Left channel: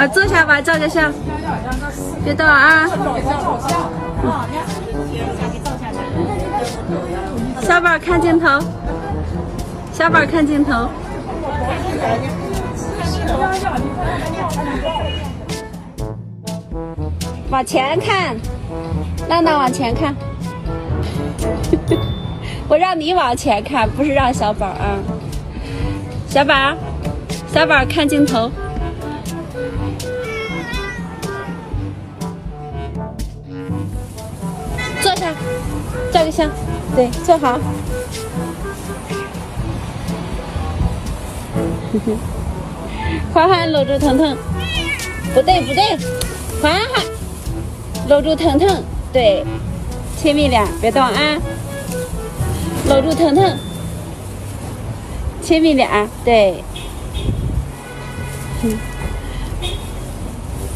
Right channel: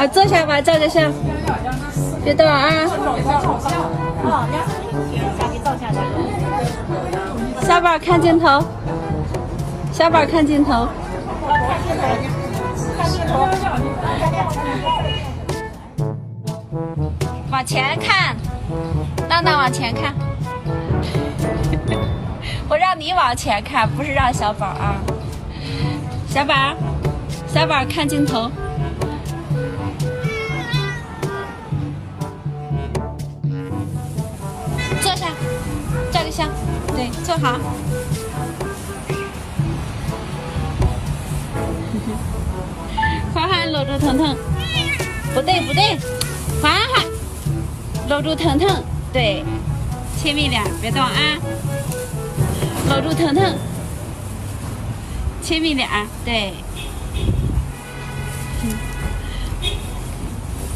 啊，坐下吧，照个相，别动啊。小宝看镜头，小宝看镜头。往前看，闹闹往前看。我让你往前看，不是让小宝啊。小宝，小宝看镜头。坐下，照个相。对，坐好。欢欢搂住腾腾，不对不对，欢欢搂住腾腾，对，亲密点，别动啊。搂住腾腾，亲密点，对。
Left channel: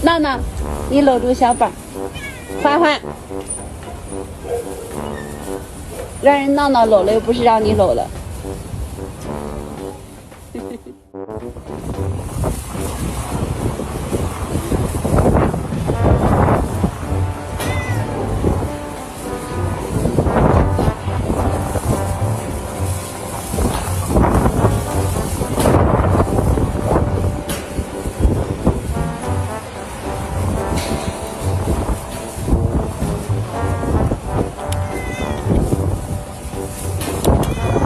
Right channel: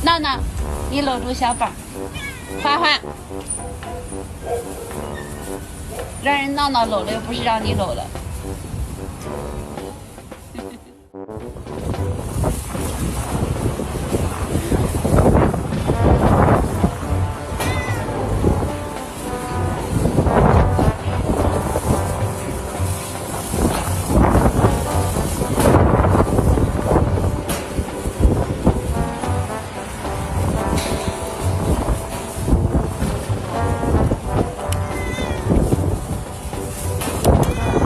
闹闹，你搂住小宝，欢欢，让人闹闹搂了，又不是让你搂了。